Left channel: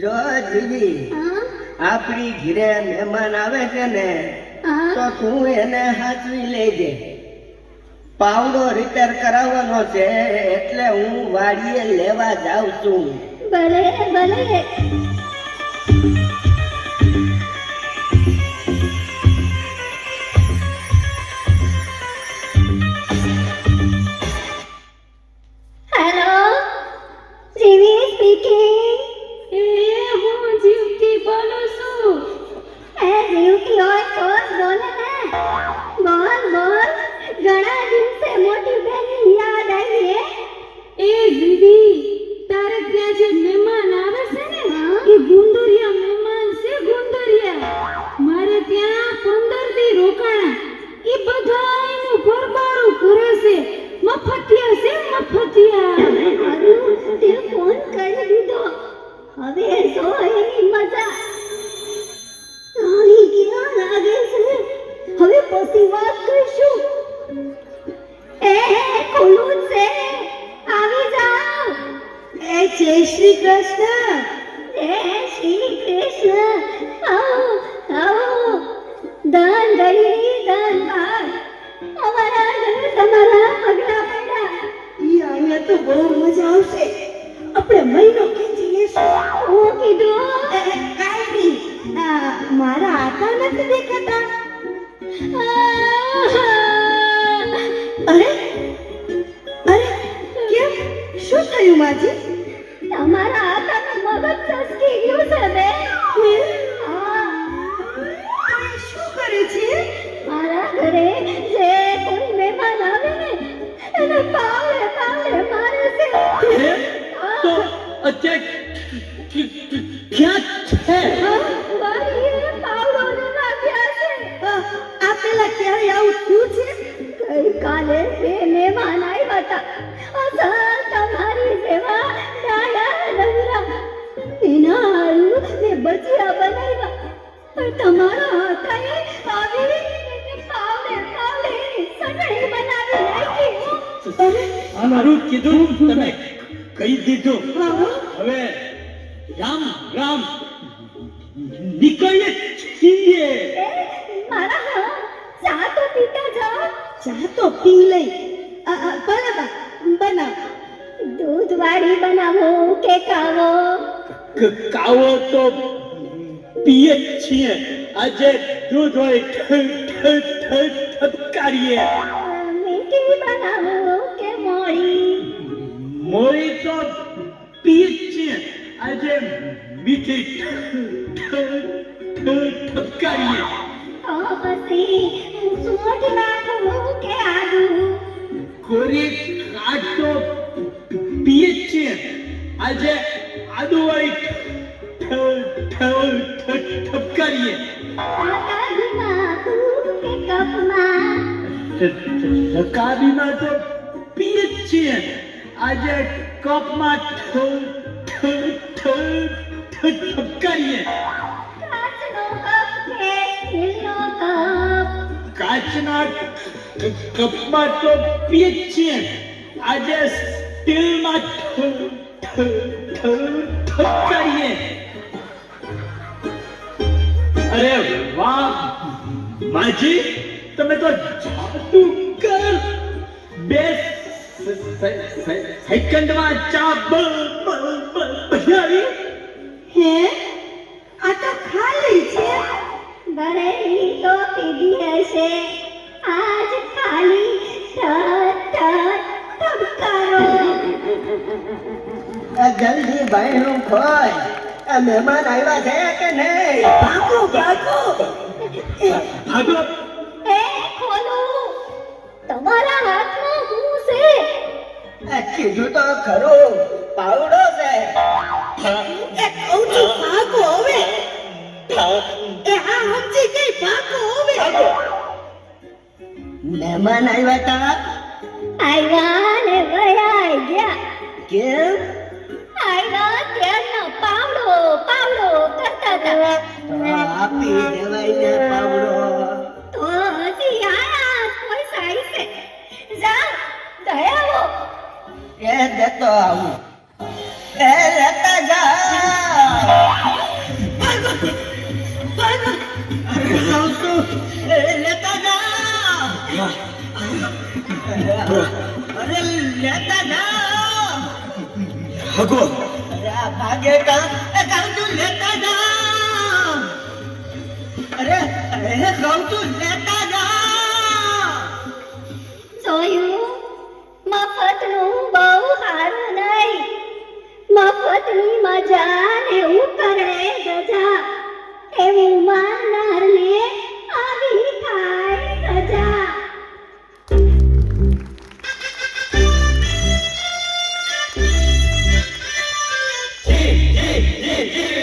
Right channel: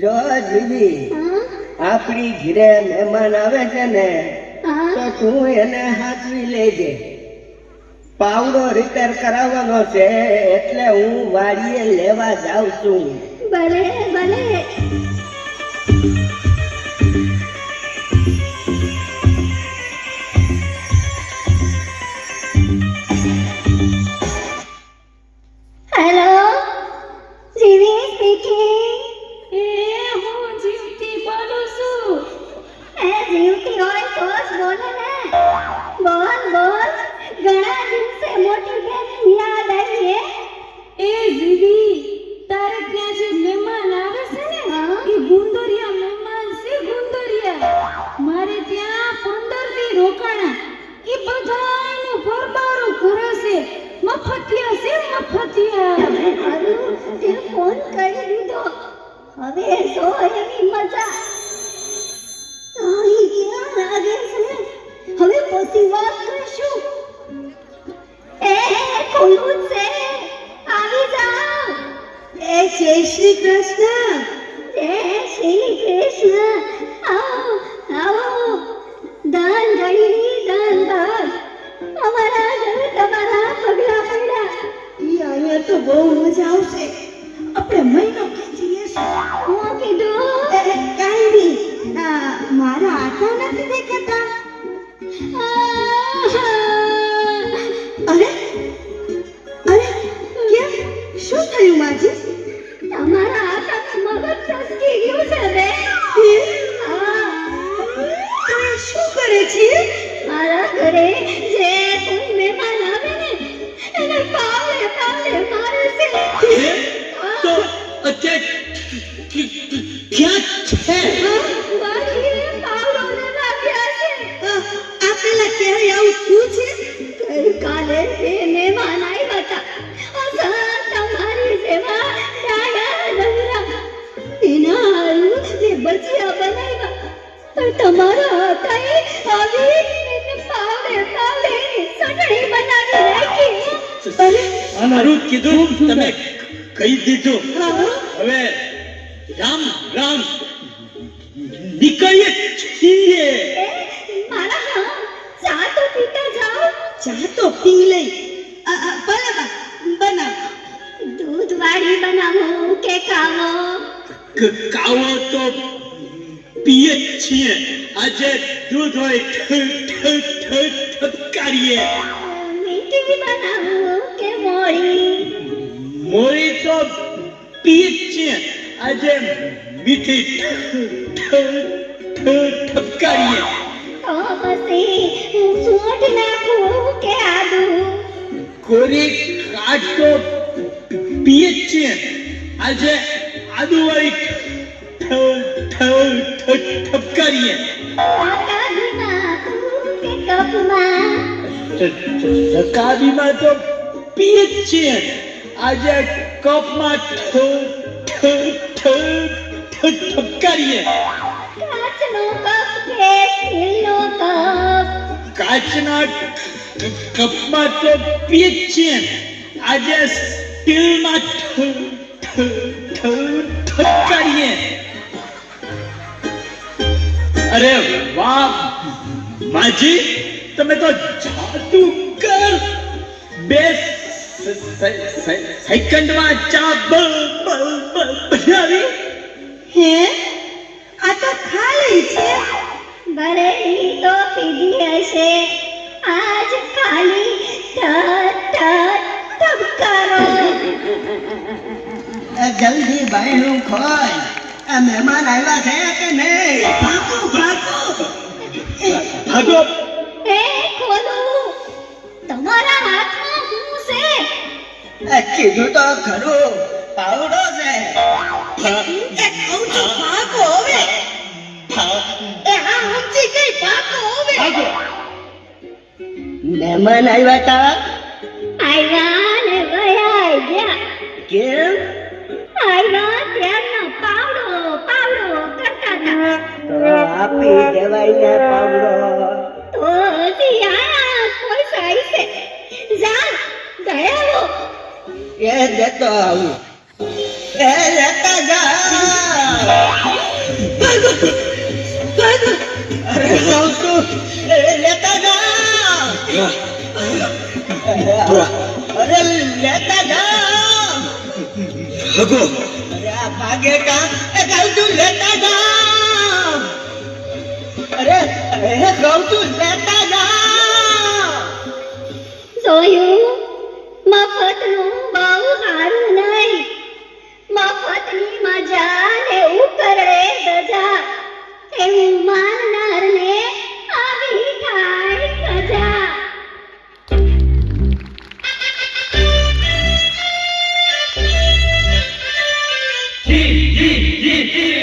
જો દીદી આપણી ઘરે મહેમાન આવે છે ને તો તું એને હાચવી લેજે. પાવડો રિપેર કરાવવાનો છે એટલે હું વાડીએ લેવા જાઉં છું. ભલે ભલે. હેલો, જીવી સ્પીકિંગ. હું જીવતી બોલું છું. જીવતી હોય તો જ બોલે ને. બોલ બોલ. ઘણા દિવસે મોટી બેનની યાદ આવી હે. જીવી તારે ત્યાં જે મહેમાન આવે છે ને એ ગુંદરિયા મહેમાન છે. ગુંદરિયા મારે ત્યાં 15 દી રોકાણા. એ બધાયનું ભરમારું કરે છે. મફતિયા છે મફતિયા. તે ફોન કરી દીધો. હવે સો એની મજા. અહીં ક્યાં લાગે છે? હવે પછી વાત કરીશું. ખુલ્લું છે, આવી જાઓ. જય શ્રી કૃષ્ણ. જય શ્રી કૃષ્ણ. આવો આવો. દાન દળી દાન બાદ અમારા તમારા પગલા પડ્યા. અહીંયા તો બહુ મજા આવશે. આપણે મહિનો ખેંચીએ છીએ. હું કીધું કાંઈ નહીં. મારા આટા નથી દેખાતા. અરે અરે કેમ શું થયું માજી? તમારા આટાનું મગજ ચસકી ગયું છે બે. શું કરે છે? મારા ઘરે જે કોઈ મહેમાન આવે ને એને પાવડે પાવડે મારે છે. તો અત્યારે ક્યાં છે? વાડીએ પાવડો લેવા ગયા છે. આ પેલા ક્યારે આવું થયું છે? ગઈકાલે બે મહેમાન આવ્યા હતા. તમારી સેવા ડાયા નવરા. એના હારું મેં ભજીયા બનાવ્યા. પણ તમારા હાથાએ આવી એને પાવડે પાવડે ચટણી બનાવી નાખી. મારું કીધું તમે કહી દીધું. હવે રામ રામ નીકળીએ છીએ. મારા ચા તો પીતા જાઓ. ચા તો પી લઈ. ભલે બનાવ. દૂધ વાળી બનાવો કે કાવો? કાવો તો પીએ જ છીએ. આજે દૂધ હોય ઠપકારીએ. મીઠી બનાવો કે મોળી? મોળી તો પીએ જ છીએ. આજે મીઠી ઠપકારીએ. તો પછી સૂંઠ નાખું કે આદુ? કોરી કાઢ તો પીએ જ છીએ. આજે આદુ હોય ઠપકારીએ. કાકાનું નાખું કે કપમાં? રકાબીમાં તો પીએ જ છીએ. આજે કપમાં ઠપકારીએ. કાચનો કપ કે સ્ટીલનો કપ? કાચના કપમાં તો પીએ જ છીએ. આજે સ્ટીલમાં ઠપકારીએ. અરે વાહ માજી, તમે તો જાદુગર. 2 સેકન્ડમાં ચા બનાવી. હે આ તો ખાલી છે. ભલે ઈ તો પીધી હશે. આજ ખાલી ધબકારા. જલ્દી ભાઈનું ખોલ. આ મહેમાન આવ્યા છે કે નહીં? ભાગો ભાગો ભાગો. ખોદો. તમારા હાથમાં શું છે? કીધું તો ખરું, પાવડો છે. ભાગો હવે. આ ઊંચી કઈ ભાગો હવે. ભાગો. મહેમાન આવ્યા તા. આવ્યા ને વયા ગયા. કેમ? આવ્યા ત્યારનો પાવડો પાવડો કરતા હતા. તો આપી દેવાય ને પાવડો. તો હજી આયા કોઈ સાઈ છે. જા ગયા એ દેતો આવું. એ લેતા જા. અરે કહું છું, એ લેતા જા. અરે લેતા જા. ભાગો. અરે આ ભાગે કા, એ કહું છું લેતા જા. અરે કહું છું લેતા જા. જોયું મફતનું બહુ સારું નહીં મફતની મજા ને ઉકરડે સજા એવું માનનારને આવી થાય સજા જી જી જી જી